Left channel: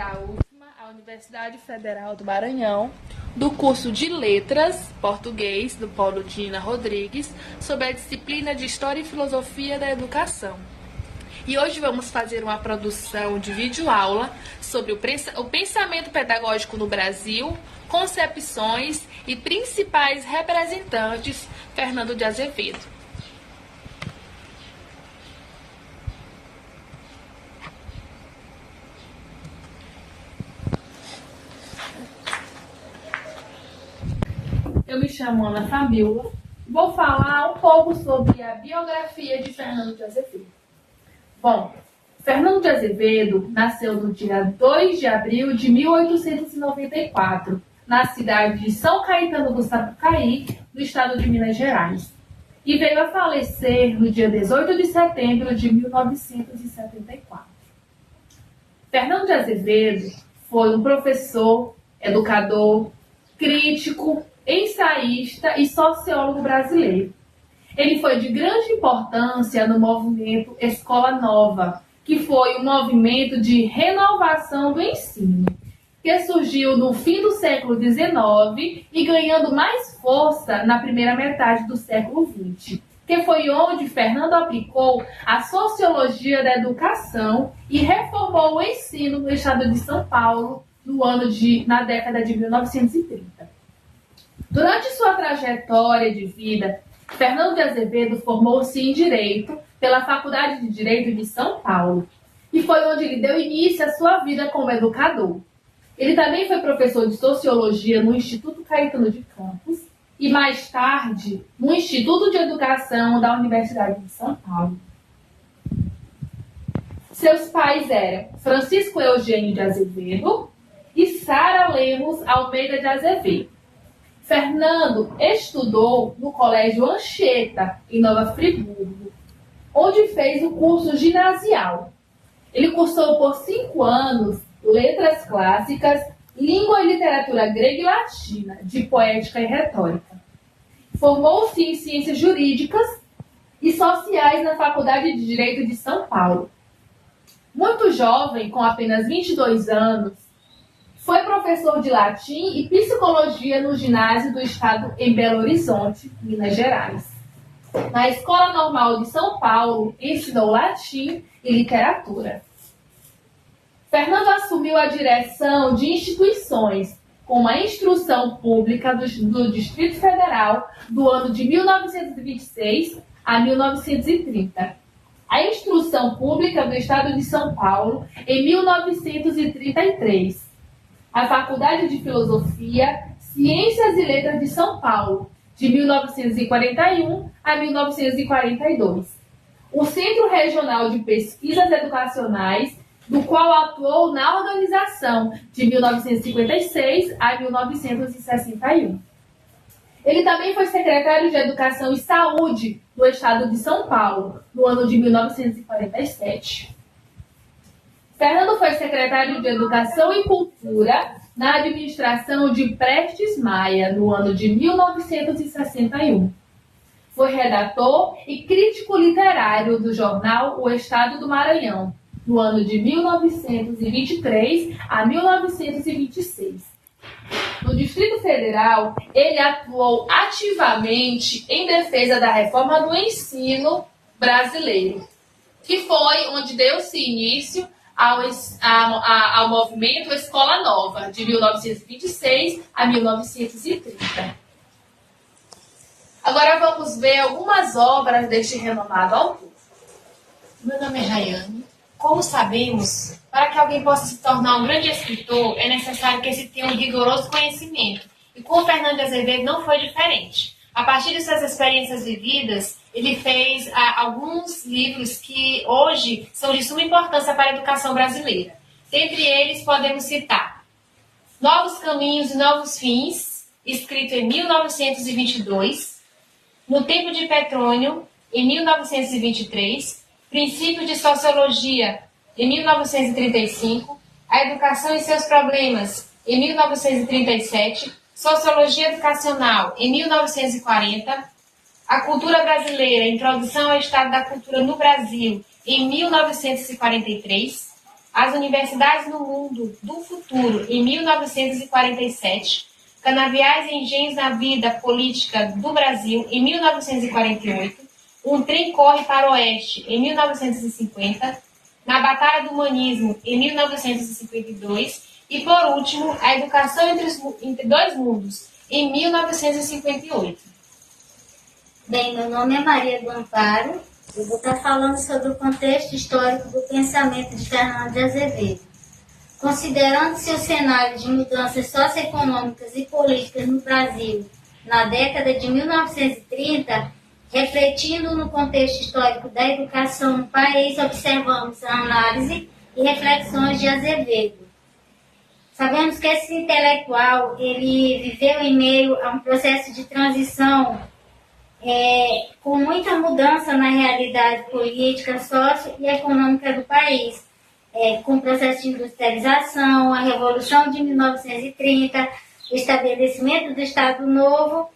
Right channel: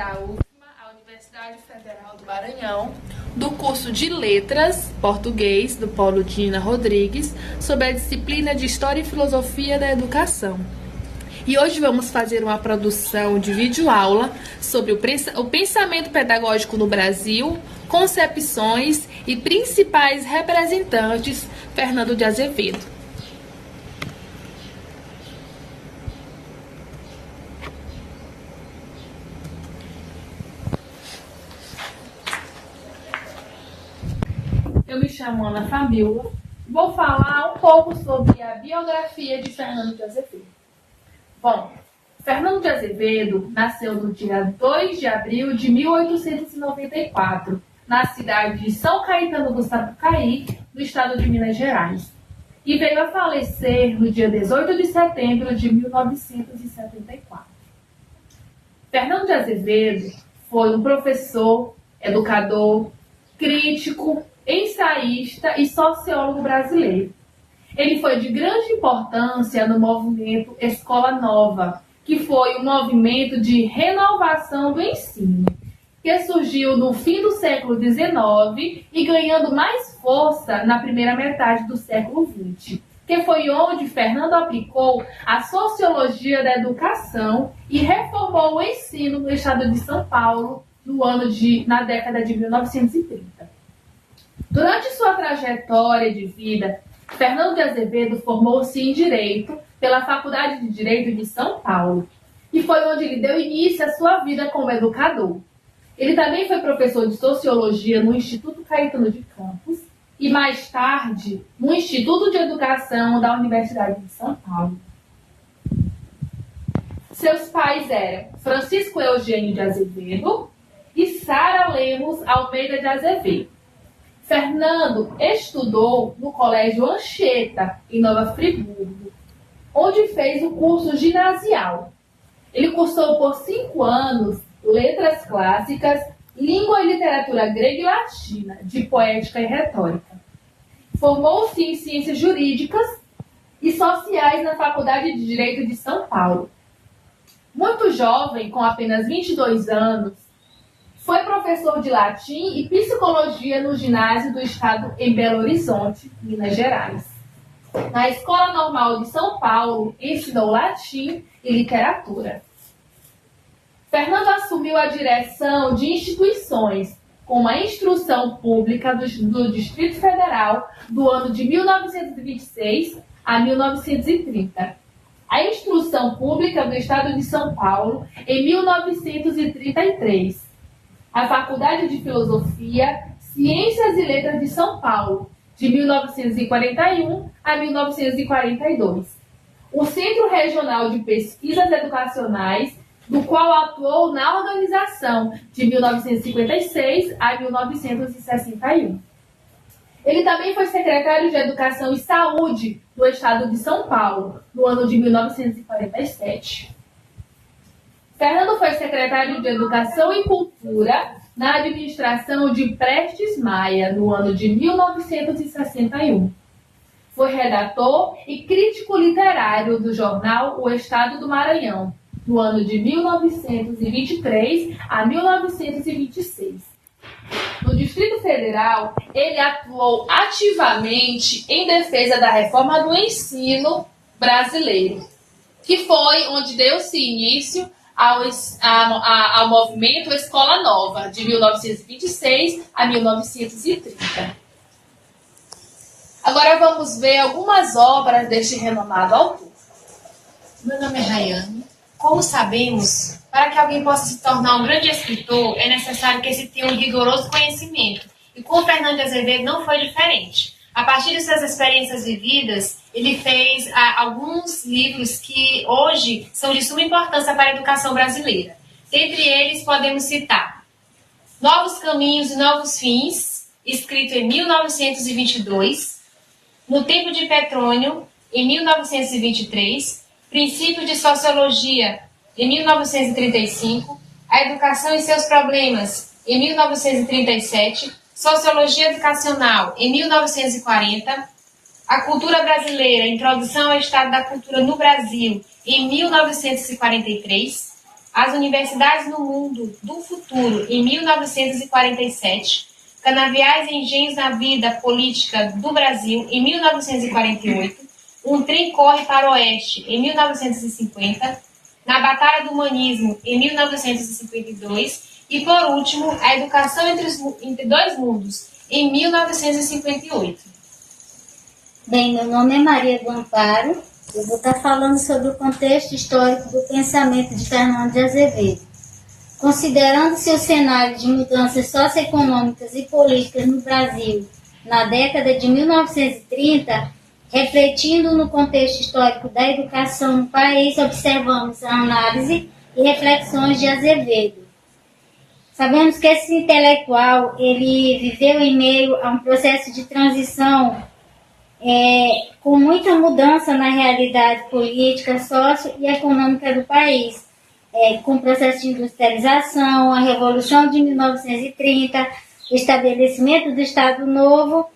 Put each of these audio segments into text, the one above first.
da UFMA, a Universidade Federal do Maranhão, do curso de Letras, Português, do Paulo Dina Rodrigues, sobre a disciplina de História e Filosofia da Educação. E hoje vamos fazer uma produção de videoaula sobre o pensamento pedagógico no Brasil, concepções e principais representantes, Fernando de Azevedo. Eu me chamo Ana Fabiola. Vou falar um pouco sobre a biografia de Fernando de Azevedo. Bom, Fernando de Azevedo nasceu no dia 2 de abril de 1894, na cidade de São Caetano do Sapucaí, no estado de Minas Gerais, e veio a falecer no dia 18 de setembro de 1974. Fernando de Azevedo foi um professor, educador, crítico, ensaísta e sociólogo brasileiro. Ele foi de grande importância no movimento Escola Nova, que foi um movimento de renovação do ensino, que surgiu no fim do século XIX e ganhando mais força na primeira metade do século XX, que foi onde Fernando aplicou a sociologia da educação e reformou o ensino no estado de São Paulo na década de 1930. Durante sua trajetória de vida, Fernando de Azevedo formou-se em Direito pela Faculdade de Direito de São Paulo, e foi onde ele deu início à sua vida como educador. Ele também foi professor de Sociologia no Instituto Caetano de Campos e, mais tarde, no Instituto de Educação da Universidade de São Paulo. Seus pais eram Francisco Eugênio de Azevedo e Sara Lemos Almeida de Azevedo. Fernando estudou no Colégio Anchieta, em Nova Friburgo, onde fez o curso ginasial. Ele cursou por 5 anos Letras Clássicas, Língua e Literatura Grega e Latina, de Poética e Retórica. Formou-se em Ciências Jurídicas e Sociais na Faculdade de Direito de São Paulo. Muito jovem, com apenas 22 anos, foi professor de latim e psicologia no ginásio do estado em Belo Horizonte, Minas Gerais. Na Escola Normal de São Paulo, ensinou latim e literatura. Fernando assumiu a direção de instituições, como a Instrução Pública do Distrito Federal, do ano de 1926 a 1930. A Instrução Pública do Estado de São Paulo, em 1933. A Faculdade de Filosofia, Ciências e Letras de São Paulo, de 1941 a 1942. O Centro Regional de Pesquisas Educacionais, do qual atuou na organização de 1956 a 1961. Ele também foi secretário de Educação e Saúde do Estado de São Paulo, no ano de 1947. Fernando foi secretário de Educação e Cultura na administração de Prestes Maia, no ano de 1961. Foi redator e crítico literário do jornal O Estado do Maranhão, no ano de 1923 a 1926. No Distrito Federal, ele atuou ativamente em defesa da reforma do ensino brasileiro, que foi onde deu-se início ao movimento Escola Nova, de 1926 a 1930. Agora vamos ver algumas obras deste renomado autor. Meu nome é Rayane. Como sabemos, para que alguém possa se tornar um grande escritor, é necessário que se tenha um rigoroso conhecimento. E com o Fernando de Azevedo não foi diferente. A partir de suas experiências vividas, ele fez alguns livros que hoje são de suma importância para a educação brasileira. Dentre eles, podemos citar Novos Caminhos e Novos Fins, escrito em 1922, No Tempo de Petrônio, em 1923, Princípio de Sociologia, em 1935, A Educação e Seus Problemas, em 1937, Sociologia Educacional, em 1940, A Cultura Brasileira, Introdução ao Estado da Cultura no Brasil, em 1943, As Universidades no Mundo do Futuro, em 1947, Canaviais e Engenhos na Vida Política do Brasil, em 1948, Um Trem Corre para o Oeste, em 1950, Na Batalha do Humanismo, em 1952, e, por último, A Educação entre Dois Mundos, em 1958. Bem, meu nome é Maria do Amparo. Eu vou estar falando sobre o contexto histórico do pensamento de Fernando de Azevedo. Considerando-se o cenário de mudanças socioeconômicas e políticas no Brasil na década de 1930, refletindo no contexto histórico da educação no país, observamos a análise e reflexões de Azevedo. Sabemos que esse intelectual ele viveu em meio a um processo de transição com muita mudança na realidade política, sócio e econômica do país, com o processo de industrialização, a Revolução de 1930, o estabelecimento do Estado Novo,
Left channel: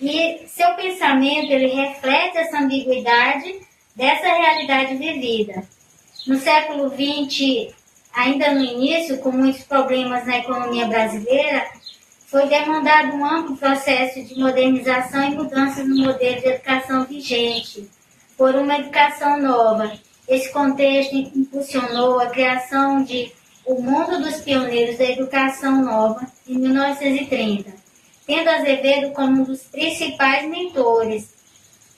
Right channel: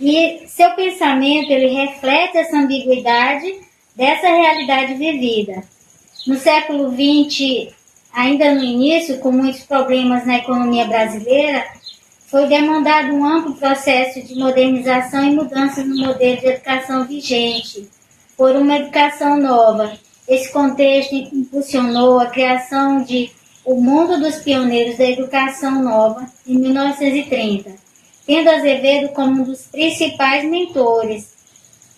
e seu pensamento ele reflete essa ambiguidade dessa realidade vivida. No século XX, ainda no início, com muitos problemas na economia brasileira, foi demandado um amplo processo de modernização e mudança no modelo de educação vigente, por uma educação nova. Esse contexto impulsionou a criação de O Mundo dos Pioneiros da Educação Nova, em 1930, tendo Azevedo como um dos principais mentores.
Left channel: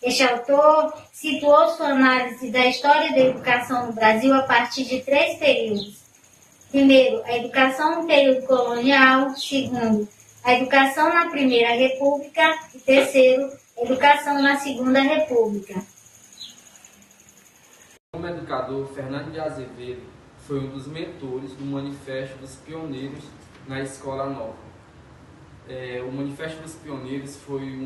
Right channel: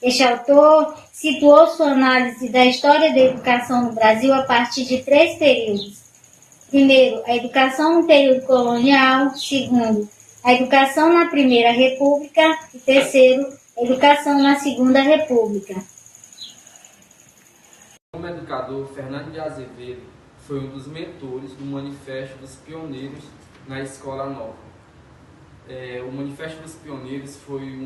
Este autor situou sua análise da história da educação no Brasil a partir de 3 períodos. Primeiro, a educação no período colonial. Segundo, a educação na Primeira República. E terceiro, a educação na Segunda República. Como educador, Fernando de Azevedo foi um dos mentores do Manifesto dos Pioneiros na Escola Nova. O Manifesto dos Pioneiros foi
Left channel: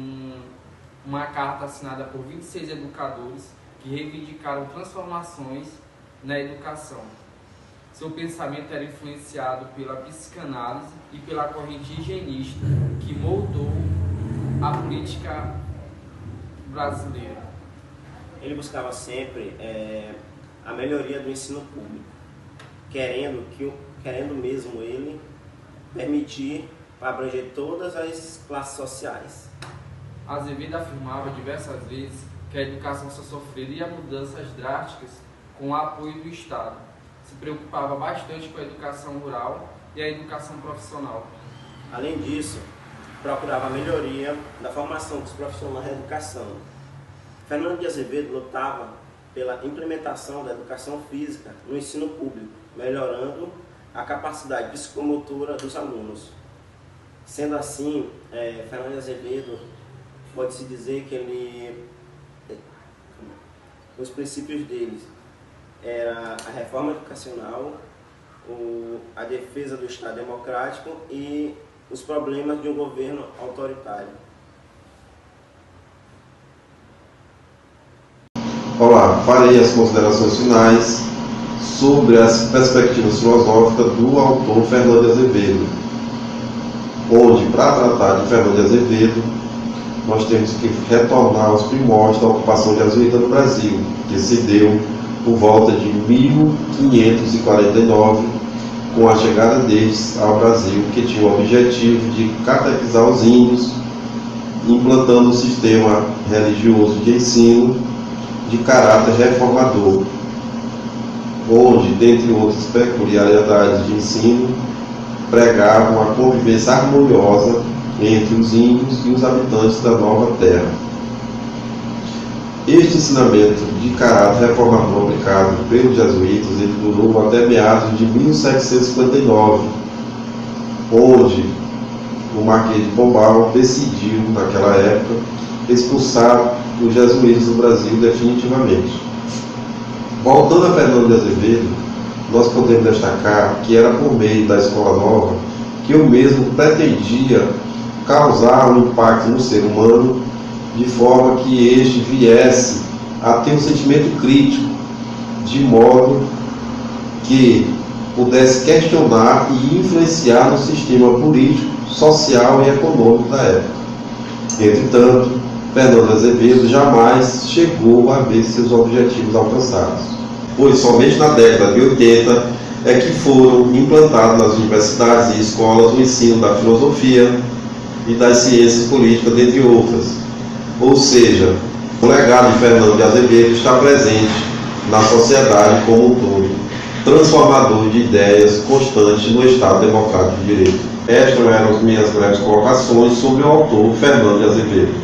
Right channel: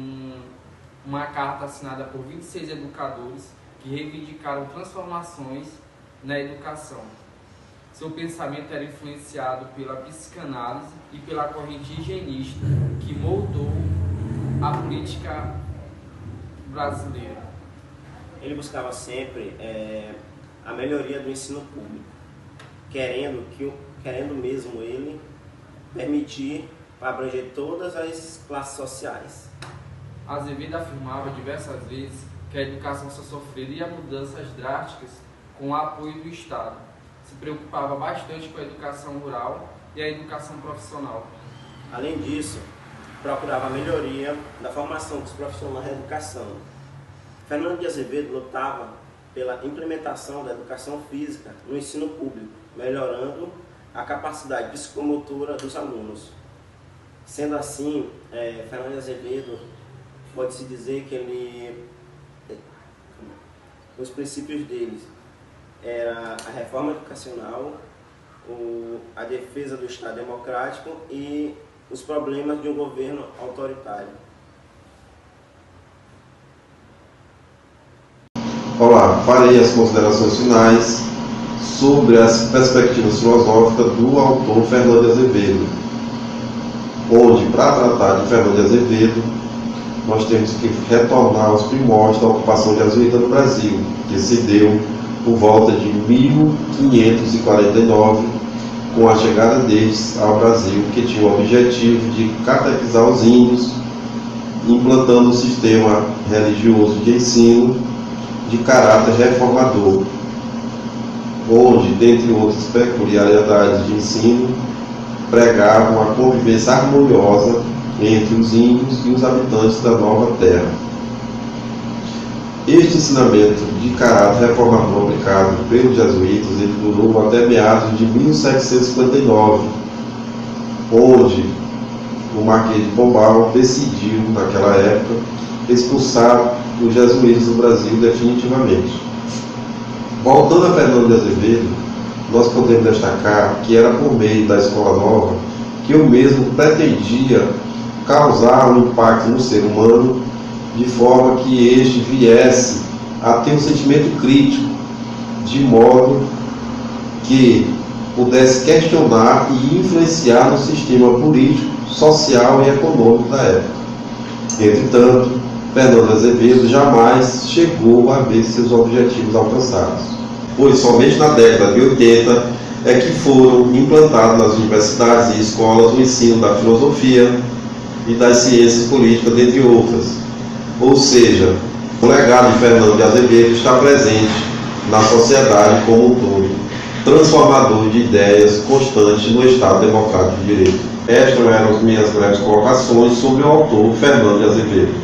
uma carta assinada por 26 educadores que reivindicaram transformações na educação. Seu pensamento era influenciado pela psicanálise e pela corrente higienista que moldou a política brasileira. Ele buscava sempre a melhoria do ensino público, querendo mesmo ele permitir abranger todas as classes sociais. Azevedo afirmava diversas vezes que a educação só sofreria mudanças drásticas com o apoio do Estado. Se preocupava bastante com a educação rural e a educação profissional. Além disso, procurava a melhoria da formação dos profissionais da educação. Fernando de Azevedo lutava pela implementação da educação física no ensino público, melhorando a capacidade psicomotora dos alunos. Sendo assim, Fernando de Azevedo pode-se dizer que os princípios deles era a reforma educacional, a defesa do Estado democrático e os problemas de um governo autoritário. Olá, farei as considerações finais sobre as perspectivas filosóficas do autor Fernando de Azevedo, onde, para tratar de Fernando de Azevedo, nós temos que retornar aos primórdios da ocupação jesuíta no Brasil, que se deu por volta de 1549, com a chegada deles ao Brasil, que tinha o objetivo de catequizar os índios, implantando um sistema religioso de ensino de caráter reformador, onde, dentre outras peculiaridades de ensino, pregavam a convivência harmoniosa entre os índios e os habitantes da nova terra. Este ensinamento de caráter reformador aplicado pelos jesuítas ele durou até meados de 1759, onde o Marquês de Pombal decidiu, naquela época, expulsar os jesuítas do Brasil definitivamente. Voltando a Fernando de Azevedo, nós podemos destacar que era por meio da Escola Nova que eu mesmo pretendia causar um impacto no ser humano, de forma que este viesse a ter um sentimento crítico, de modo que pudesse questionar e influenciar no sistema político, social e econômico da época. Entretanto, Fernando de Azevedo jamais chegou a ver seus objetivos alcançados, pois somente na década de 80 é que foram implantados nas universidades e escolas o ensino da filosofia e das ciências políticas, dentre outras. Ou seja, o legado de Fernando de Azevedo está presente na sociedade como um todo, transformador de ideias constantes no Estado Democrático de Direito. Estas eram as minhas breves colocações sobre o autor Fernando de Azevedo.